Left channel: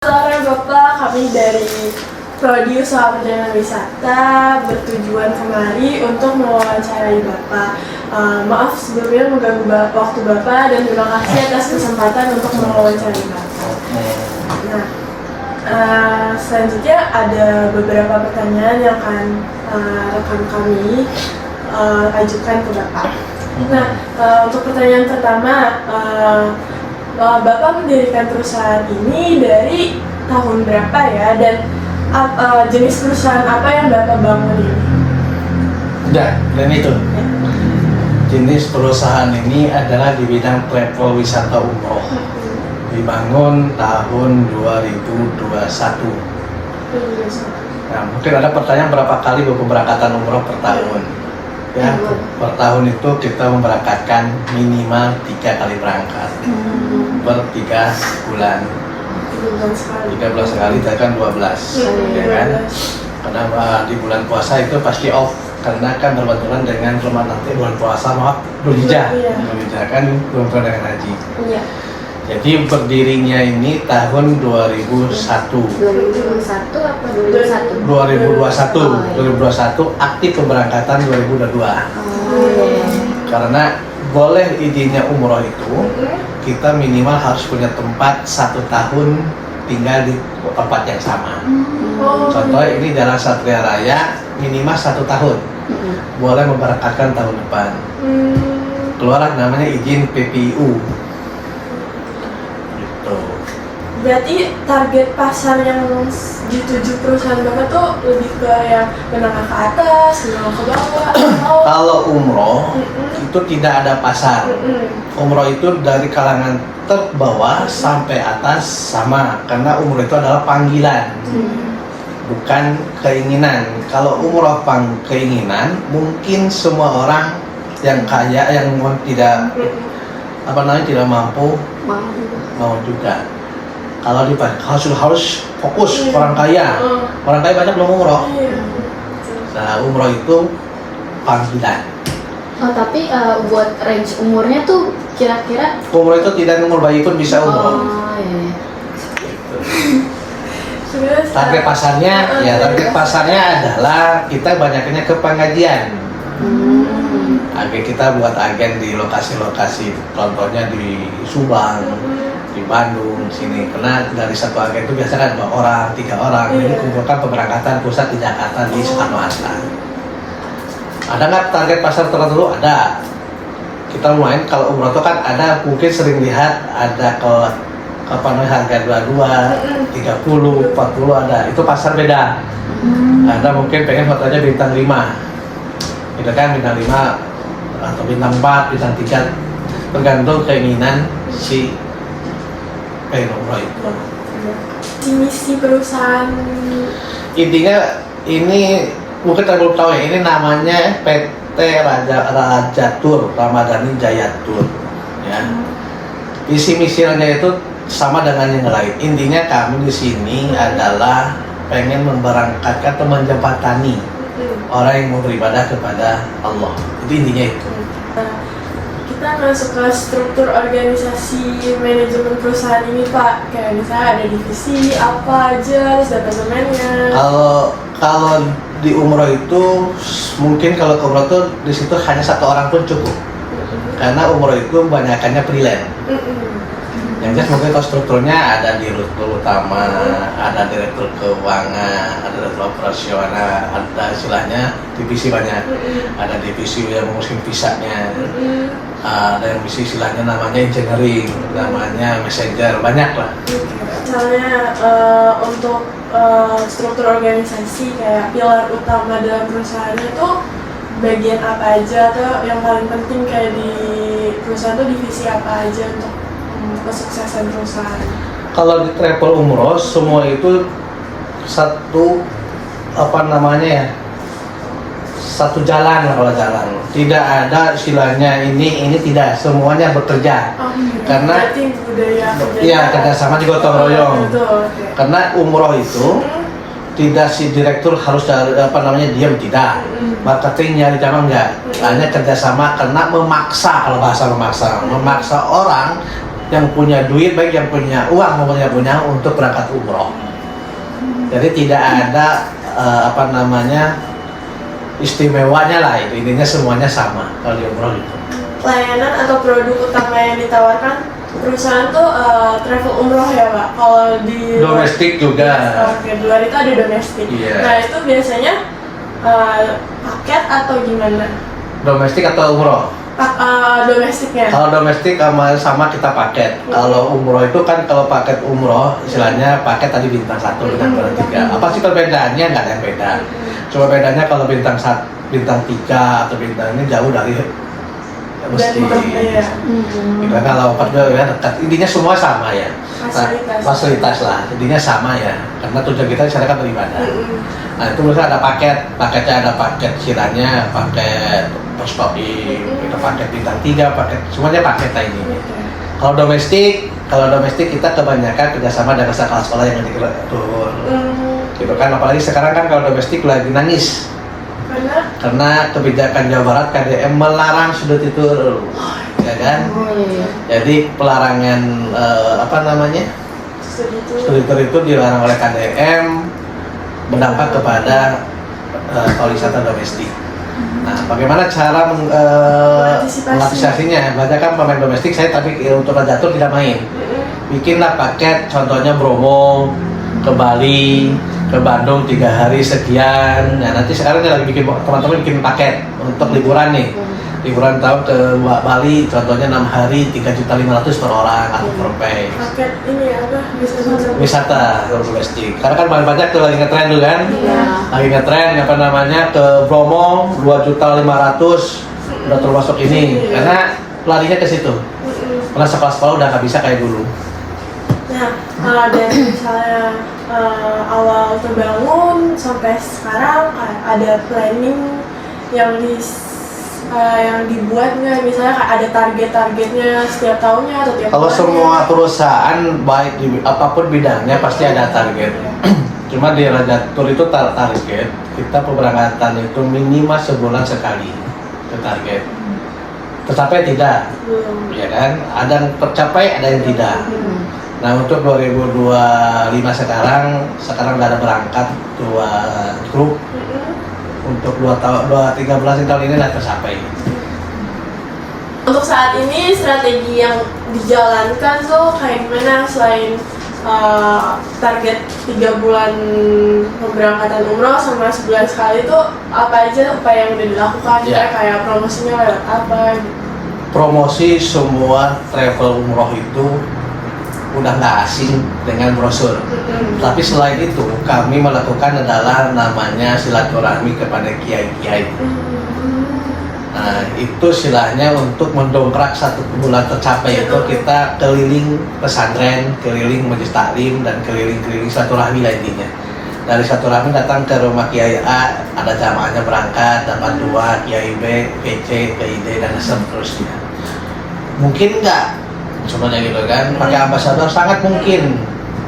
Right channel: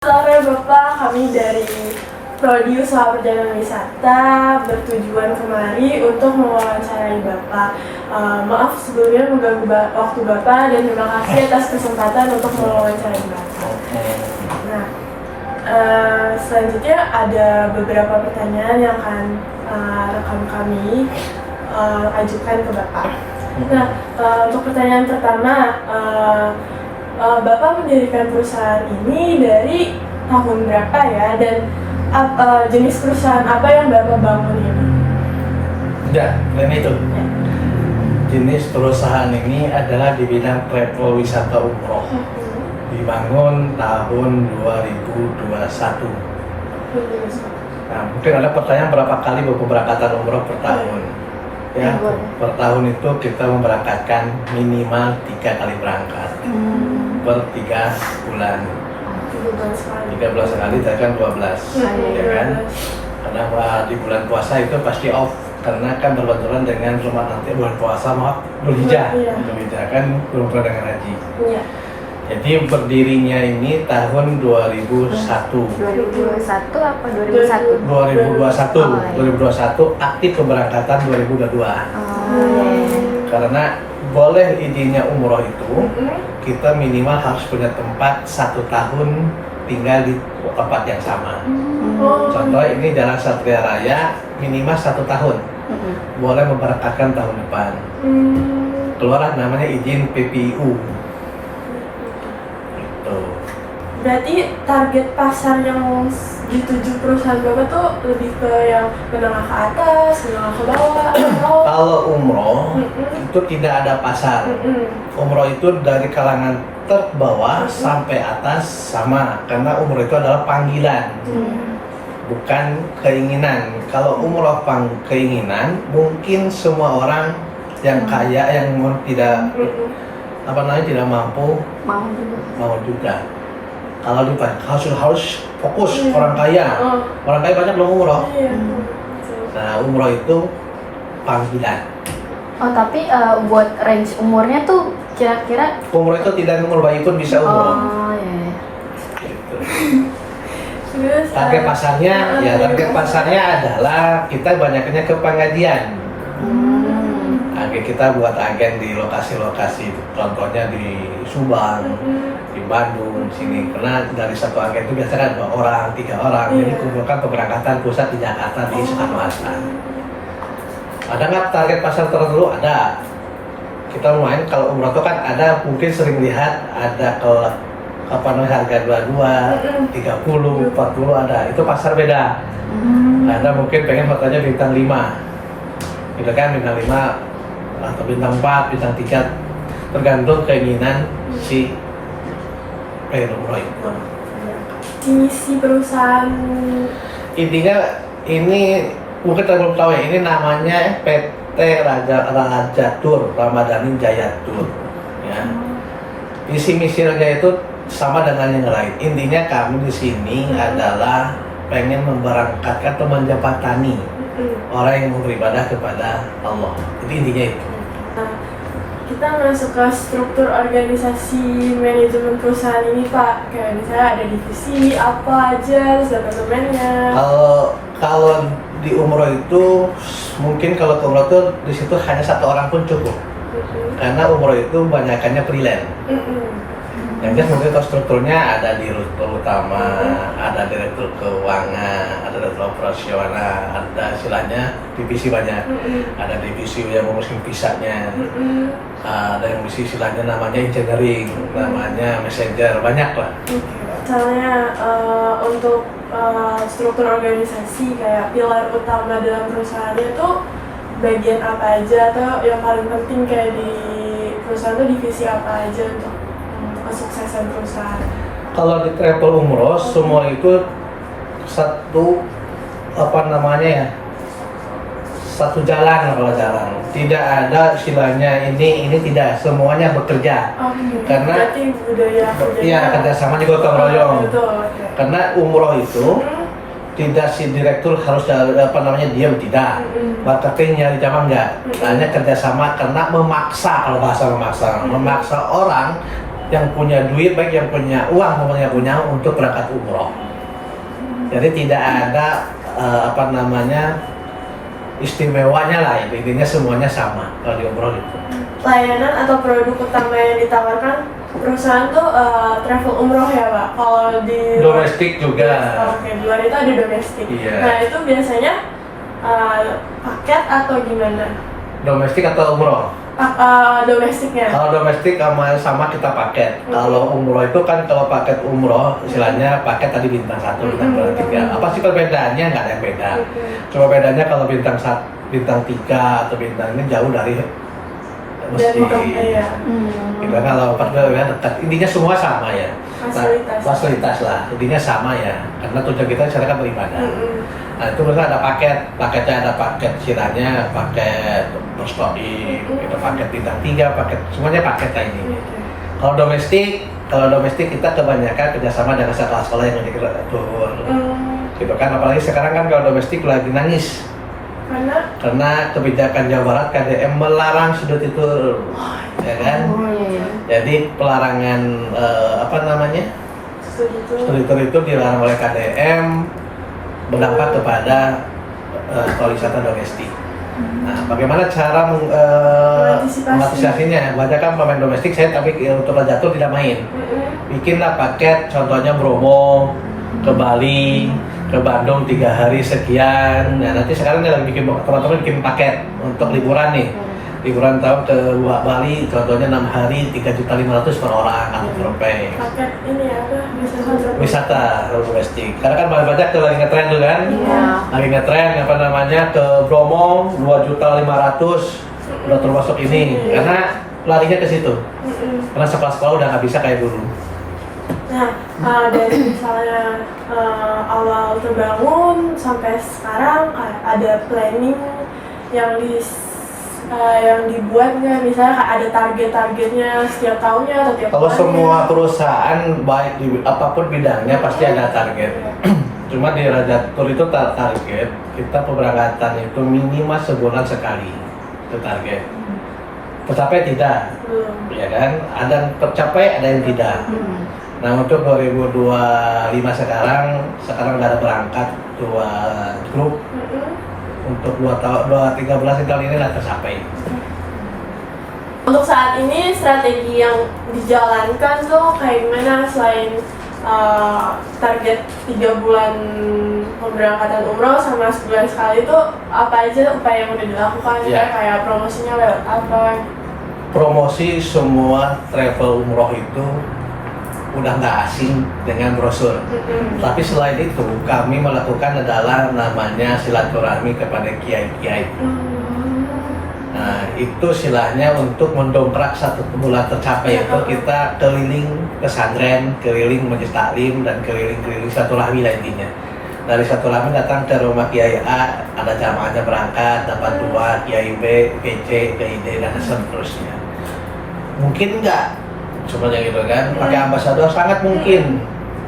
Sore Bapak, kami dari Prodi Usaha Perjalanan Wisata bertujuan kemari untuk mewawancarai Bapak. Maaf sebelumnya mengganggu waktu Bapak dan terima kasih atas kesempatan untuk mewawancarai Bapak. Nah, selanjutnya ada beberapa pertanyaan yang akan rekan kami ajukan ke Bapak. Nah, untuk pertanyaan pertama, Bapak mendirikan perusahaan ini dari tahun berapa ya, dan jenis perusahaan apa yang Bapak bangun ini? Udah, dan itu jenis perusahaan ini adalah di bidang travel wisata umroh. Dibangun tahun 2021. Nah, mungkin ada pertanyaan berapa kali pemberangkatan umroh per tahun? Ya, per tahun itu kita memberangkatkan minimal 3 kali berangkat per 3 bulan. 3 bulan sekali, itu kan 12, ya kan? Karena di bulan puasa itu pasti off, karena kan berbenturan dengan nanti bulan puasa, Dzulhijjah kan berbenturan dengan haji. Jadi berdirinya ini tahun 2001. 2001 apa 2001? 2021 aktif pemberangkatan 2022. Karena boleh izinnya umroh itu kita minimal harus punya tempat 1 tahun tinggal di tempat yang sama. Contoh ini Jalan Satria Raya minimal 1 tahun. Boleh memberangkatkan tahun depan. Keluar namanya izin PPIU. Berarti target pasar yang dituju perusahaan Bapak tuh lebih ke yang menengah ke atas, menengah ke bawah? Kalau umroh itu tidak ada pasar. Umroh itu dari kalangan terbawah sampai atas sama, karena umroh itu adalah panggilan, bukan keinginan. Kalau umroh keinginan, mungkin semua orang yang kaya yang tidak tidak mampu mau juga. Kalau harus fokus orang kaya banyak belum umroh. Nah, umroh itu panggilan. Oh, tapi buat range umurnya tuh kira-kira Umroh itu tidak umur bayi pun bisa umroh. Iya. Gitu. Terus, Target pasarnya adalah kita banyaknya ke pengajian. Agen kita buat agen di lokasi-lokasi, contohnya di Subang, di Bandung, sini. Karena dari satu agen itu biasanya 2 orang, 3 orang. Jadi kumpulkan pemberangkatan pusat di Jakarta di Soekarno-Hatta. Ada nggak target pasar tertentu? Ada. Kita lumayan kalau umroh itu kan ada, mungkin sering lihat ada harga 22, 30, 40 ada. Itu pasar beda. Ada mungkin pengen hotelnya bintang 5. Gitu kan, bintang 5 atau bintang 4, bintang 3, tergantung keinginan si umroh itu. misi perusahaan Intinya ini mungkin belum tahu ya, ini namanya PT Raja Tour, Ramadhani Jaya Tour, ya. Visi misinya itu sama dengan yang lain. Intinya kami di sini adalah pengen memberangkatkan atau menjembatani orang yang mau beribadah kepada Allah. Jadi intinya itu. Kita masuk ke struktur organisasi manajemen perusahaan ini, Pak. Kayak misalnya ada divisi apa aja, departemennya. Kalau di umroh itu mungkin kalau ke umroh itu di situ hanya 1 orang pun cukup. Karena umroh itu banyakannya freelance. Yang jelas mungkin kalau strukturnya ada direktur utama, ada direktur keuangan, ada direktur operasional, ada istilahnya divisi banyak. Ada divisi yang menguruskan visanya, ada yang divisi istilahnya namanya engineering, namanya messenger, banyak lah. Misalnya untuk struktur organisasi kayak pilar utama dalam perusahaan itu bagian apa aja, atau yang paling penting kayak di perusahaan itu divisi apa aja untuk kesuksesan perusahaan? Kalau di travel umroh semua itu satu satu jalan lah, kalau jalan tidak ada istilahnya ini tidak, semuanya bekerja. Karena berarti budaya kerjasama di gotong royong. Karena umroh itu tidak si direktur harus diam, tidak. Marketingnya di zaman enggak, hanya kerjasama, karena memaksa, kalau bahasa memaksa orang yang punya duit, baik yang punya uang maupun yang punya untuk berangkat umroh. Jadi tidak ada istimewanya lah, itu intinya semuanya sama kalau di umroh itu. Layanan atau produk utama yang ditawarkan perusahaan tuh travel umroh ya Pak? Kalau di Domestik juga. Oke, di luar itu ada domestik. Iya. Nah itu biasanya paket atau gimana? Domestik atau umroh? Domestiknya. Kalau domestik sama kita paket. Kalau umroh itu kan, kalau paket umroh istilahnya paket tadi bintang 1, bintang 2, 3. Apa sih perbedaannya? Nggak ada yang beda. Cuma bedanya kalau bintang 3 atau bintang ini jauh dari mesti. Iya. Kita kalau paket ya dekat. Intinya semua sama ya. Fasilitas lah. Intinya sama ya. Karena tujuan kita di sana kan beribadah. Nah itu misalnya ada paketnya ada paket istilahnya paket first stopping, ada paket bintang 3, paket semuanya paket lah ini. Kalau domestik kita kebanyakan kerjasama dengan sekolah yang diatur. Gitu kan, apalagi sekarang kan kalau domestik lagi nangis. Karena kebijakan Jawa Barat KDM melarang sudut itu, ya kan? Jadi pelarangan studi itu dilarang oleh KDM, berdampak kepada pariwisata domestik. Nah, bagaimana cara mengantisipasinya? Banyak kan pemain domestik, saya tapi untuk Raja Tour tidak main. Bikinlah paket, contohnya Bromo, ke Bali, ke Bandung 3 hari sekian. Nah, nanti sekarang dia lagi teman-teman bikin paket untuk liburan nih. Liburan tahun ke Bali, contohnya 6 hari 3.500.000 per orang atau per pay. Paket ini apa? Wisata domestik. Karena kan banyak tuh lagi ngetren tuh kan. Iya. Lagi ngetren ke Bromo 2.500.000 udah termasuk ini. Karena larinya ke situ. Karena sekolah-sekolah udah nggak bisa kayak dulu. Nah, dari misalnya awal terbangun sampai sekarang ada planning yang dibuat nggak? Misalnya ada targetnya setiap tahunnya atau tiap Kalau bulannya? semua perusahaan baik di apapun bidangnya pasti ada target. Cuma di Raja Tour itu target kita pemberangkatan itu minimal sebulan sekali itu target. Tercapai tidak, ya kan? Ada yang tercapai, ada yang tidak. Nah untuk 2025 sekarang udah ada berangkat 2 grup. Untuk 3 bulan tahun ini sudah tercapai. Untuk saat ini strategi yang dijalankan tuh kayak gimana selain target 3 bulan pemberangkatan umroh sama sebulan sekali itu apa aja upaya yang udah dilakukan? Kayak promosinya lewat apa? Promosi semua travel umroh itu udah nggak asing dengan brosur. Tapi selain itu kami melakukan adalah namanya silaturahmi kepada kiai-kiai. Nah itu istilahnya untuk mendongkrak 1 bulan tercapai itu kita keliling pesantren, keliling majelis taklim dan keliling silaturahmi lah intinya. Dari silaturahmi datang ke rumah Kiai A, ada jamaahnya berangkat, dapat 2, Kiai B, PC, KID dan seterusnya. Mungkin nggak semuanya gitu kan, pakai ambasador sangat mungkin,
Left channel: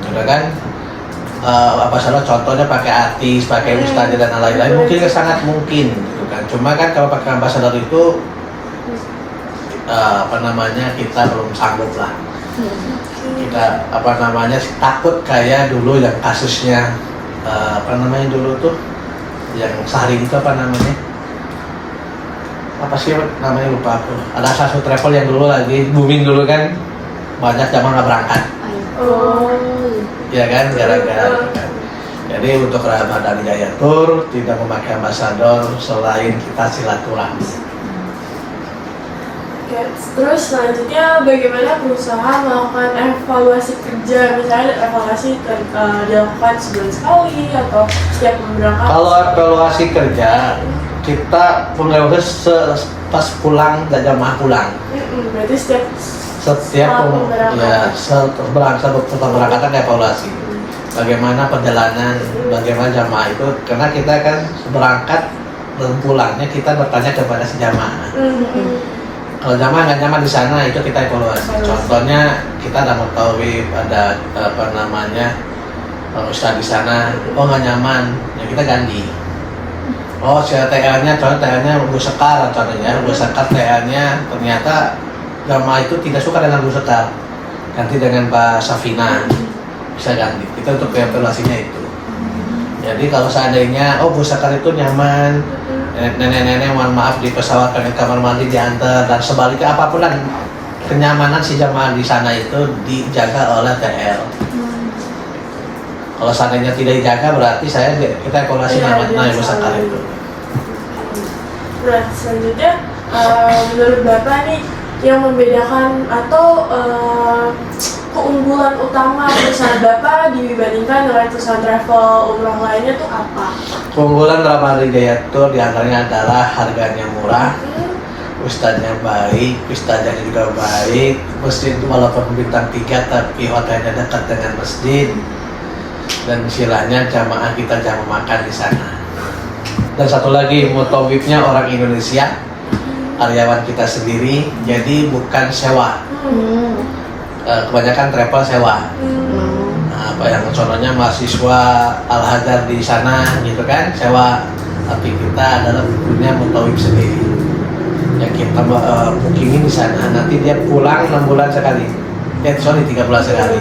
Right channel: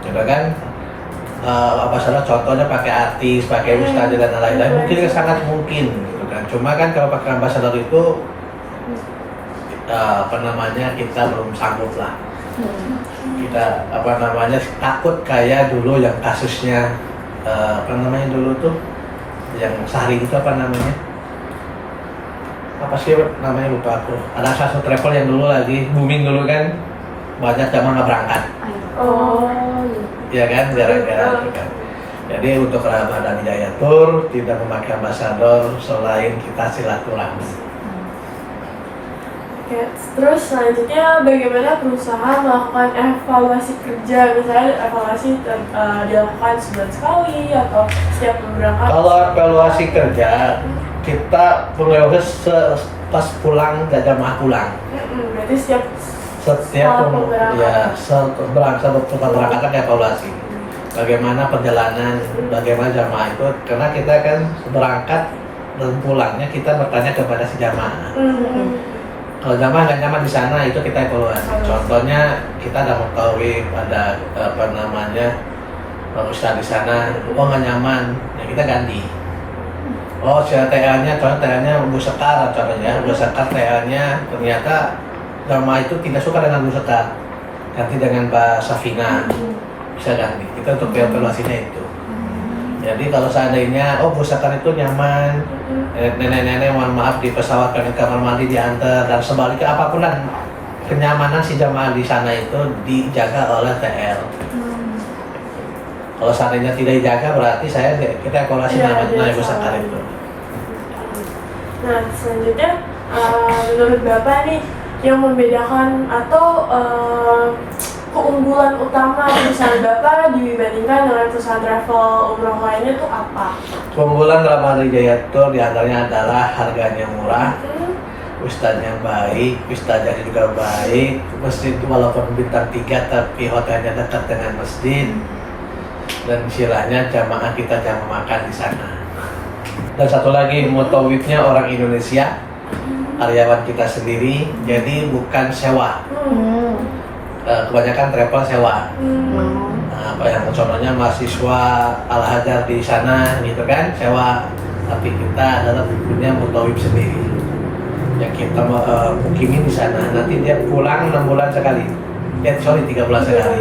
gitu kan? Ambasador contohnya pakai artis, pakai ustadz dan lain-lain, mungkin sangat mungkin, gitu kan? Cuma kan kalau pakai ambasador itu kita belum sanggup lah. Kita takut kayak dulu yang kasusnya dulu tuh, yang Sari itu apa sih namanya lupa aku. Ada salah satu travel yang dulu lagi booming dulu kan, banyak jamaah nggak berangkat. Ya kan, gara-gara kan. Jadi untuk Ramadan Jaya Tour tidak memakai ambasador selain kita silaturahmi. Oke, terus selanjutnya bagaimana perusahaan melakukan evaluasi kerja? Misalnya evaluasi dilakukan sebulan sekali atau setiap pemberangkatan? Kalau evaluasi kerja kita pengevaluasi pas pulang dan jamaah pulang. Berarti setiap berangkatan evaluasi. Bagaimana perjalanan, bagaimana jamaah itu, karena kita kan berangkat dan pulangnya kita bertanya kepada si jamaah. Kalau jamaah nggak nyaman di sana itu kita evaluasi. Contohnya kita ada mengetahui ada ustadz di sana, nggak nyaman, ya kita ganti. Si TA-nya, contohnya TA-nya Bu Sekar, contohnya Bu Sekar TA-nya ternyata jamaah itu tidak suka dengan Bu Sekar. ganti dengan Mbak Safina, bisa ganti. Kita untuk evaluasinya itu. Jadi kalau seandainya Busakar itu nyaman, nenek-nenek mohon maaf di pesawat pengen kamar mandi diantar dan sebaliknya apapun dan kenyamanan si jamaah di sana itu dijaga oleh TL. Kalau seandainya tidak dijaga berarti kita evaluasi namanya Busakar itu. Nah selanjutnya menurut Bapak nih yang membedakan atau keunggulan utama perusahaan Bapak dibandingkan dengan perusahaan travel umroh lainnya tuh apa? Keunggulan Ramada Jaya Tour diantaranya adalah harganya murah, ustadznya baik, ustadznya juga baik, masjid walaupun bintang 3 tapi hotelnya dekat dengan masjid, dan istilahnya jamaah kita jamaah makan di sana. Dan satu lagi mutawifnya orang Indonesia, karyawan kita sendiri, jadi bukan sewa. Kebanyakan travel sewa. Apa yang contohnya mahasiswa Al-Hajar di sana gitu kan sewa, tapi kita adalah punya mutawif sendiri yang kita bookingin di sana, nanti dia pulang 6 bulan sekali 3 bulan sekali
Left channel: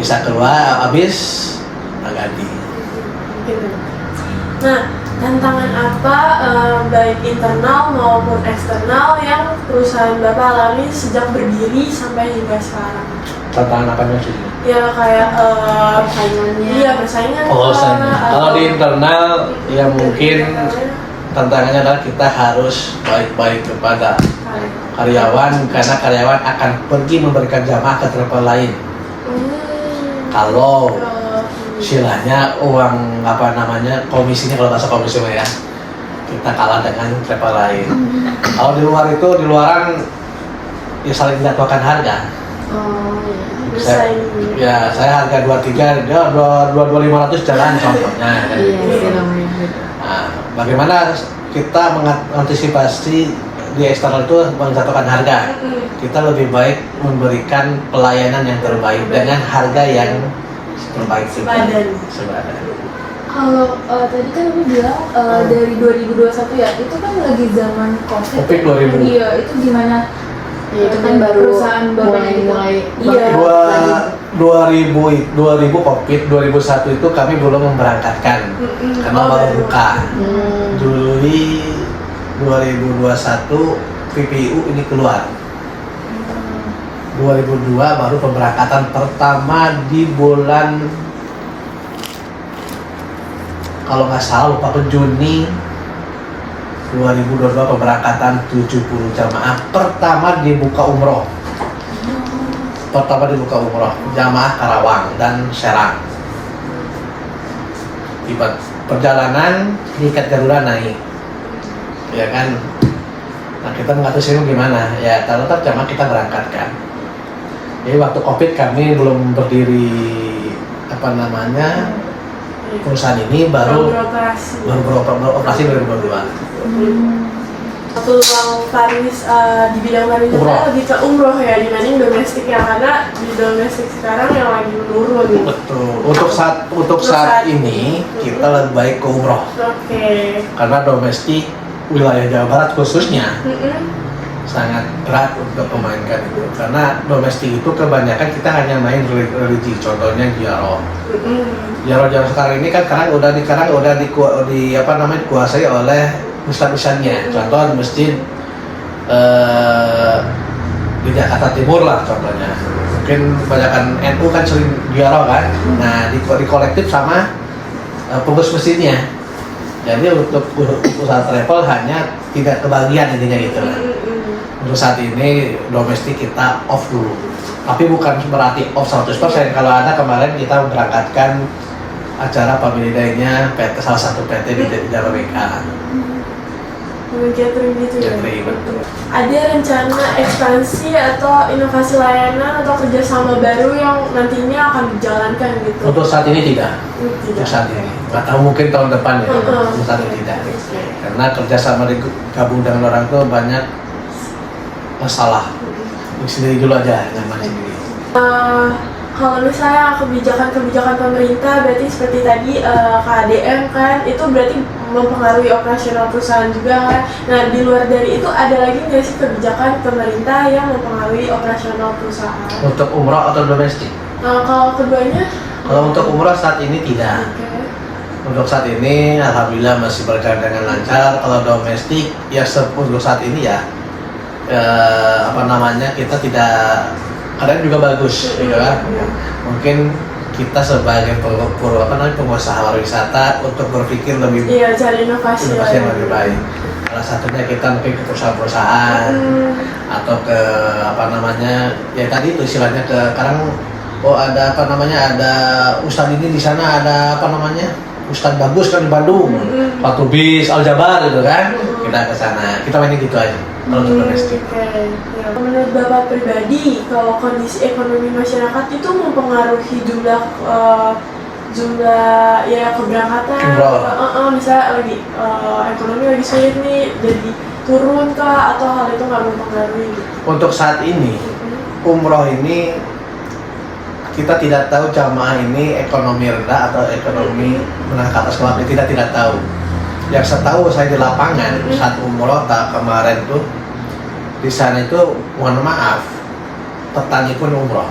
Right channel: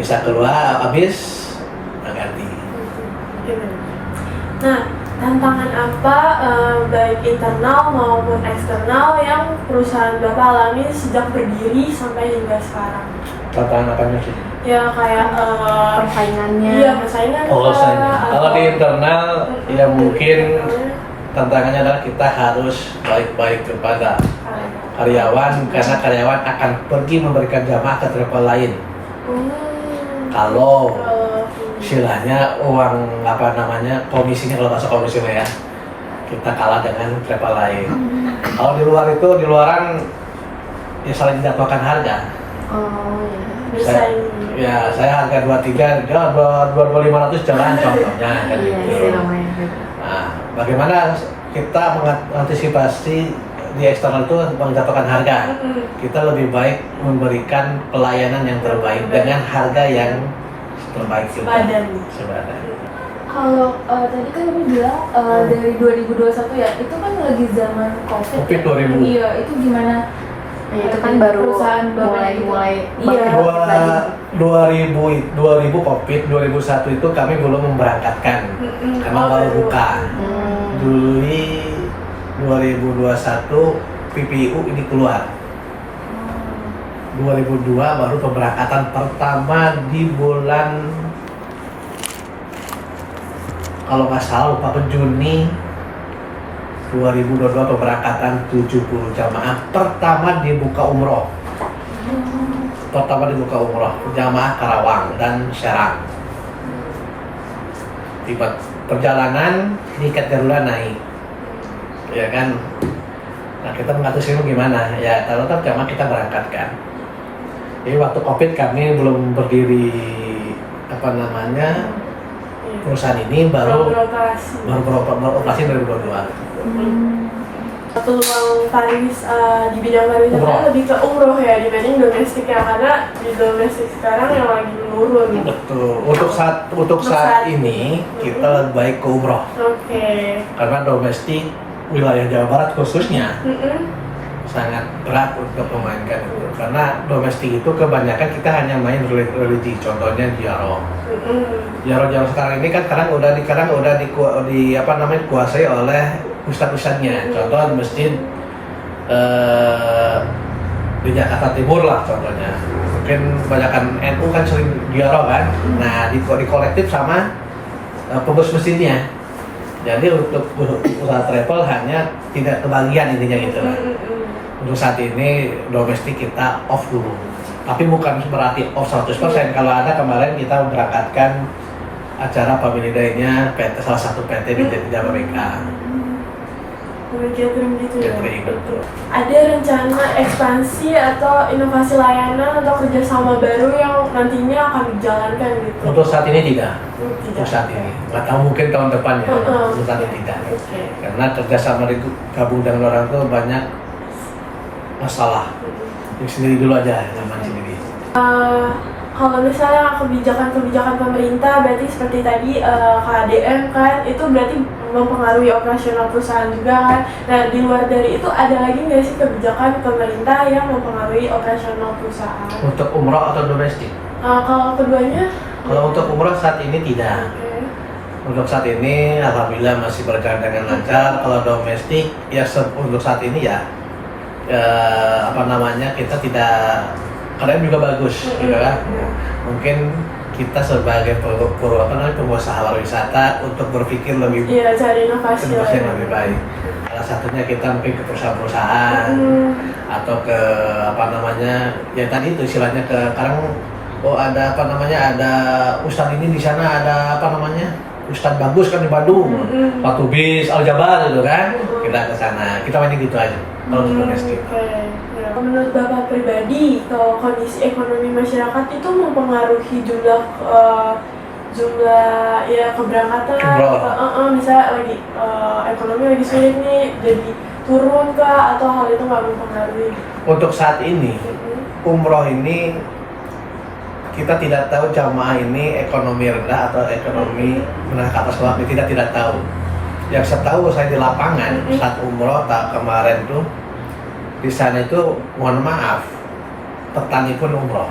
bisa keluar habis ganti. Nah tantangan apa baik internal maupun eksternal yang perusahaan Bapak alami sejak berdiri sampai hingga sekarang? Tantangan apanya sih? Ya kayak Persaingannya. Iya persaingan. Kalau di internal ya mungkin tantangannya adalah kita harus baik-baik kepada karyawan karena karyawan akan pergi memberikan jamaah ke travel lain. Kalau istilahnya uang komisinya, kalau bahasa komisi ya kita kalah dengan travel lain. Kalau di luar itu di luaran ya saling dijatuhkan harga. Saya harga 23 dia 2.500 jalan contohnya kan gitu. Nah, bagaimana kita mengantisipasi di eksternal itu menjatuhkan harga? Kita lebih baik memberikan pelayanan yang terbaik dengan harga yang terbaik sepadan. Kalau tadi kan Umi bilang dari 2021 ya, itu kan lagi zaman COVID 2000. Iya, itu gimana? Ya, itu kan baru perusahaan mulai iya. 2000 COVID 2001 itu kami belum memberangkatkan karena baru buka. Juli 2021 PPU ini keluar. 2002 baru pemberangkatan pertama di bulan, kalau nggak salah lupa ke Juni 2022 pemberangkatan 70 jamaah pertama dibuka umroh. Jamaah Karawang dan Serang. Tiba perjalanan tingkat Garuda naik, ya kan? Nah kita mengatasi ini gimana? Ya tetap jamaah kita berangkatkan. Jadi waktu COVID kami belum berdiri perusahaan ini baru beroperasi 2022. Peluang di bidang pariwisata lebih ke umroh ya dibanding domestik ya, karena di domestik sekarang yang lagi menurun. Betul. Untuk saat ini kita lebih baik ke umroh. Karena domestik wilayah Jawa Barat khususnya sangat berat untuk memainkan itu. Karena domestik itu kebanyakan kita hanya main religi, contohnya ziarah. Ziarah sekarang ini kan sekarang udah dikuasai oleh Islam-Islamnya. Contoh masjid di Jakarta Timur lah contohnya. Mungkin kebanyakan NU kan sering ziarah kan. Nah, di kolektif sama pengurus masjidnya. Jadi untuk usaha travel hanya tidak kebagian intinya gitu lah. Untuk saat ini domestik kita off dulu. Tapi bukan berarti off 100%. Kalau ada kemarin kita memberangkatkan acara family day-nya salah satu PT di Jakarta. Catering gitu ya. Betul. Ada rencana ekspansi atau inovasi layanan atau kerjasama baru yang nantinya akan dijalankan gitu? Untuk saat ini tidak. Untuk saat ini. Atau mungkin tahun depan ya. Untuk saat ini tidak. Karena kerjasama gabung dengan orang tua banyak masalah. Sendiri dulu aja dengan sendiri. Kalau misalnya kebijakan-kebijakan pemerintah berarti seperti tadi KDM kan itu berarti mempengaruhi operasional perusahaan juga kan. Nah di luar dari itu ada lagi nggak sih kebijakan pemerintah yang mempengaruhi operasional perusahaan? Untuk umroh atau domestik? Kalau keduanya? Kalau untuk umroh saat ini tidak. Oke. Untuk saat ini alhamdulillah masih berjalan dengan lancar. Kalau domestik ya untuk saat ini ya kita tidak, kadang juga bagus gitu kan. Mungkin kita sebagai pengusaha pariwisata untuk berpikir lebih cari inovasi yang lebih baik. Salah satunya kita mungkin ke perusahaan-perusahaan atau ke ya tadi itu istilahnya ke sekarang ada ustadz ini di sana, ada ustadz bagus kan di Bandung, Pak Tubis, Al Jabar gitu kan, kita ke sana, kita mainin gitu aja kalau untuk domestik. Ya. Menurut Bapak pribadi, kalau kondisi ekonomi masyarakat itu mempengaruhi jumlah ya keberangkatan, misalnya lagi ekonomi lagi sulit nih, jadi turun kah atau hal itu nggak mempengaruhi? Untuk saat ini, umroh ini kita tidak tahu jamaah ini ekonomi rendah atau ekonomi menengah ke atas bawah, kita tidak tahu. Yang saya tahu saya di lapangan saat umroh kemarin tuh di sana itu mohon maaf petani pun umroh.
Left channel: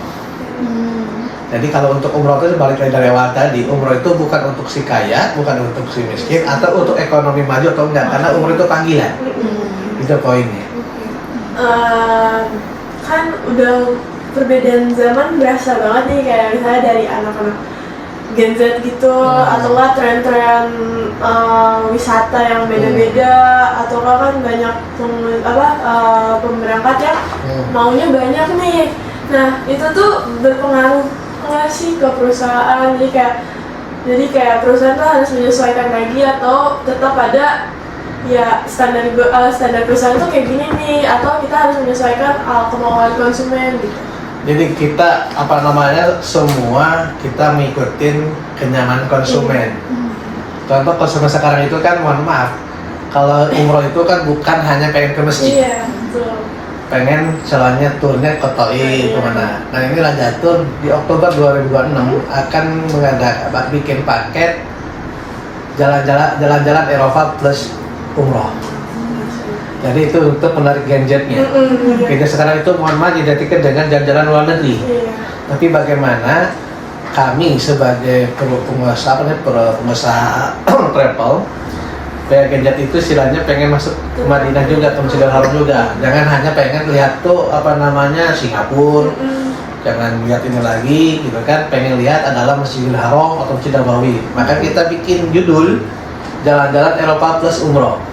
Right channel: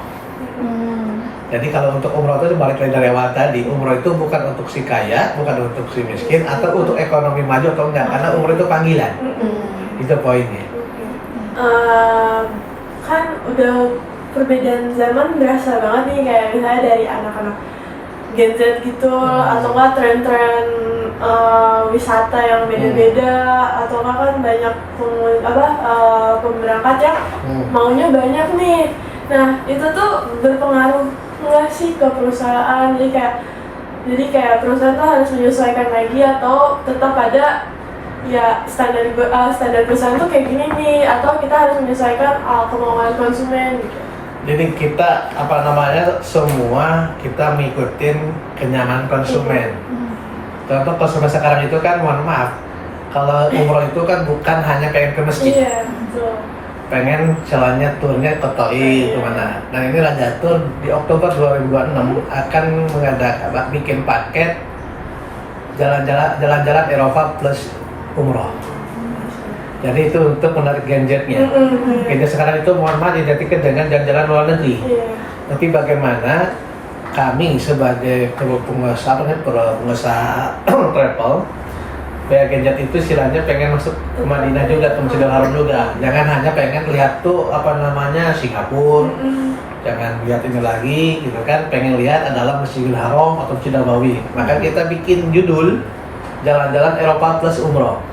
Jadi kalau untuk umroh itu balik lagi dari awal tadi, umroh itu bukan untuk si kaya, bukan untuk si miskin atau untuk ekonomi maju atau enggak, karena umroh itu panggilan. Itu poinnya. Kan udah perbedaan zaman berasa banget nih, kayak misalnya dari anak-anak Gen Z gitu, atau nggak tren-tren wisata yang beda-beda, atau kan banyak pemberangkat yang maunya banyak nih. Nah itu tuh berpengaruh nggak sih ke perusahaan? Jadi kayak perusahaan tuh harus menyesuaikan lagi atau tetap ada ya standar perusahaan tuh kayak gini nih, atau kita harus menyesuaikan kemauan konsumen gitu. Jadi kita semua kita ngikutin kenyamanan konsumen. Contoh konsumen sekarang itu kan mohon maaf, kalau umroh itu kan bukan hanya pengen ke masjid. Iya, betul. Pengen jalannya turnya ke Toi kemana. Nah ini Raja Tour di Oktober 2026 akan bikin paket jalan-jalan Eropa plus umroh. Jadi itu untuk menarik Gen Z-nya. Gen Z sekarang itu mohon maaf identikkan dengan jalan-jalan luar negeri. Tapi bagaimana kami sebagai pengusaha travel, Gen Z itu istilahnya pengen masuk ke Madinah juga, ke Masjidil Haram juga. Jangan hanya pengen lihat tuh Singapura, jangan lihat ini lagi gitu kan. Pengen lihat adalah Masjidil Haram atau Masjid Nabawi. Maka kita bikin judul jalan-jalan Eropa plus umroh.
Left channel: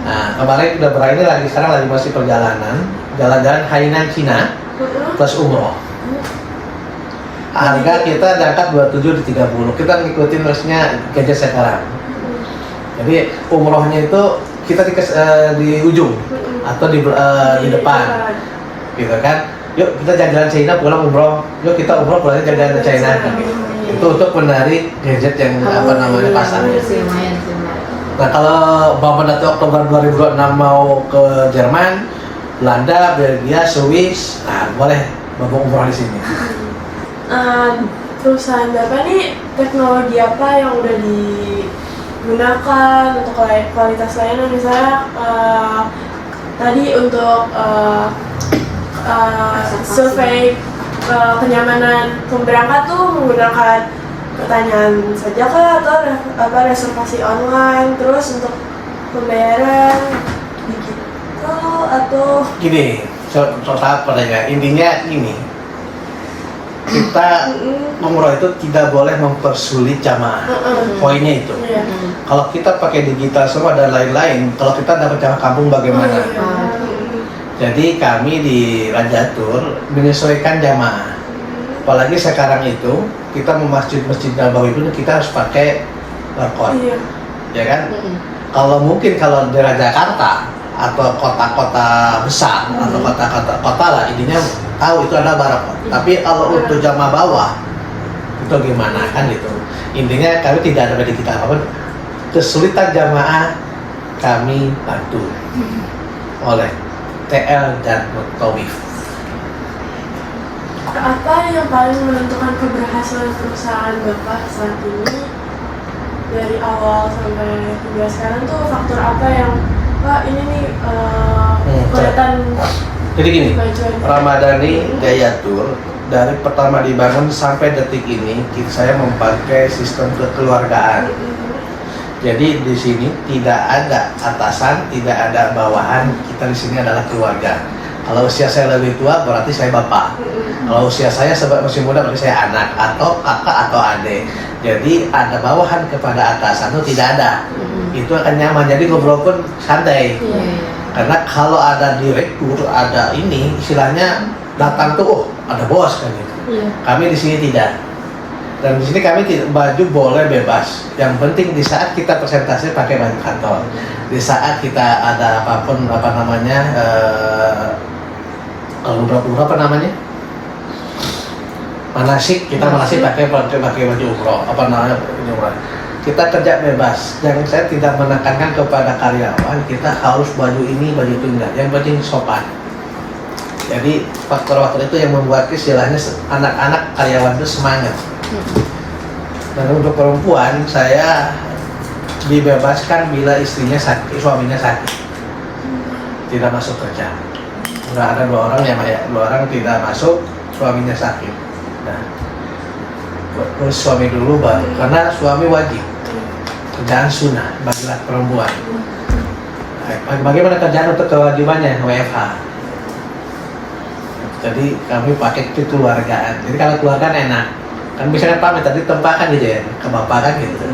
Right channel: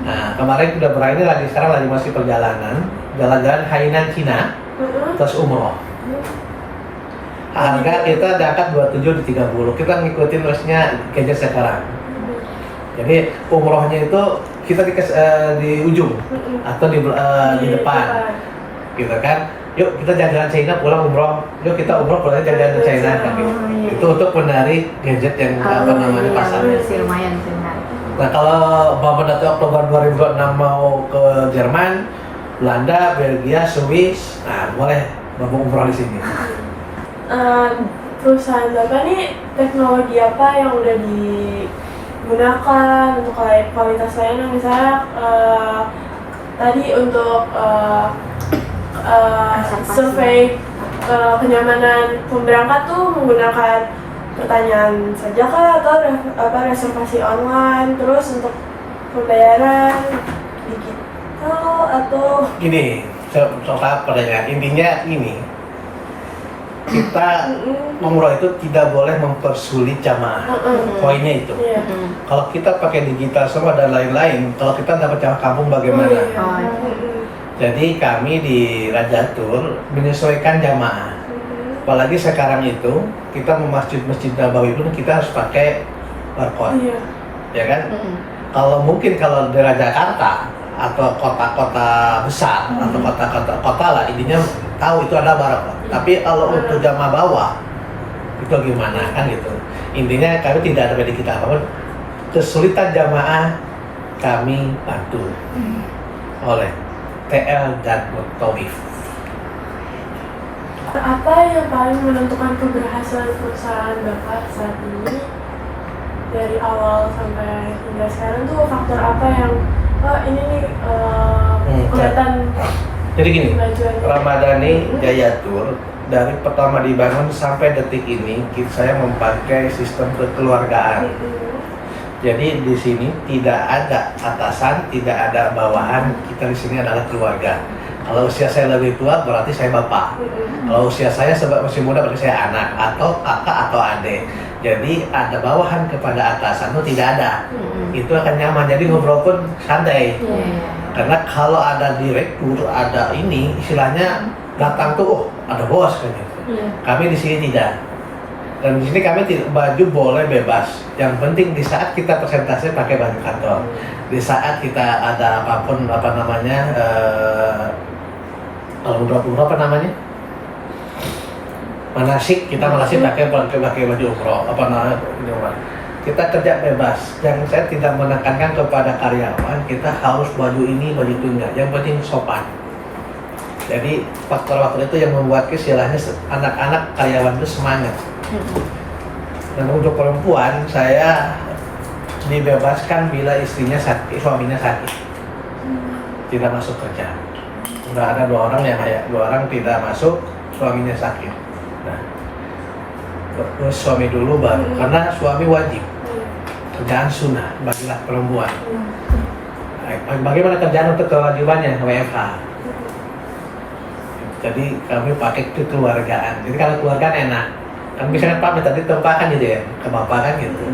Nah, kemarin udah berakhir lagi, sekarang lagi masih perjalanan jalan-jalan Hainan Cina plus umroh. Harga kita diangkat 27 di 30. Kita ngikutin rasnya Gen Z sekarang. Jadi umrohnya itu kita di ujung atau di depan, gitu kan? Yuk kita jalan-jalan China pulang umroh. Yuk kita umroh pulang jalan-jalan China. Itu untuk menarik Gen Z yang pasarnya. Nah kalau Bapak Dato Oktober 2026 mau ke Jerman, Belanda, Belgia, Swiss, nah boleh Bapak umroh di sini. Perusahaan Bapak nih teknologi apa yang udah digunakan untuk kualitas layanan, misalnya tadi untuk survei kenyamanan pemberangkat tuh menggunakan pertanyaan saja kah atau reservasi online, terus untuk pembayaran digital atau gini, soal pertanyaan intinya ini, kita umroh itu tidak boleh mempersulit jamaah. Poinnya itu. Kalau kita pakai digital semua dan lain-lain, kalau kita dapat jamaah kampung bagaimana? Jadi kami di Raja Tour menyesuaikan jamaah. Apalagi sekarang itu kita mau masjid Nabawi itu kita harus pakai barcode, ya kan? Kalau mungkin kalau daerah Jakarta atau kota-kota besar atau kota lah, intinya tahu itu ada barcode. Tapi kalau untuk jamaah bawah itu gimana kan gitu? Intinya kami tidak ada digital apapun. Kesulitan jamaah kami bantu oleh TL dan Mutawif. faktor apa yang paling menentukan keberhasilan perusahaan Bapak saat ini? Dari awal sampai hingga sekarang tuh faktor apa yang Pak ini nih kelihatan Jadi gini, kemajuan? Ramadhani Jaya Tour dari pertama dibangun sampai detik ini saya memakai sistem kekeluargaan. Jadi di sini tidak ada atasan, tidak ada bawahan. Kita di sini adalah keluarga. Kalau usia saya lebih tua berarti saya bapak. Kalau usia saya masih muda berarti saya anak atau kakak atau adik. Jadi ada bawahan kepada atasan itu tidak ada. Itu akan nyaman. Jadi ngobrol pun santai. Karena kalau ada direktur, ada ini istilahnya datang tuh, oh ada bos kayak gitu. Kami di sini tidak. Dan di sini kami tidak, baju boleh bebas. Yang penting di saat kita presentasi pakai baju kantor. Di saat kita ada apapun apa namanya, umroh apa namanya? Manasik, kita manasik pakai baju umroh. Apa namanya? Kita kerja bebas. Yang saya tidak menekankan kepada karyawan kita harus baju ini, baju itu enggak. Yang penting sopan. Jadi faktor-faktor itu yang membuat istilahnya anak-anak karyawan itu semangat. Dan untuk perempuan saya dibebaskan bila istrinya sakit, suaminya sakit, tidak masuk kerja. Nggak ada dua orang tidak masuk, suaminya sakit. Nah, terus suami dulu baru, karena suami wajib. Kerjaan sunnah bagi perempuan. Bagaimana kerjaan untuk kewajibannya WFH? Jadi kami pakai kekeluargaan. Jadi kalau keluargaan enak. Kan misalnya pamit tadi tempakan gitu ya ke bapak kan gitu.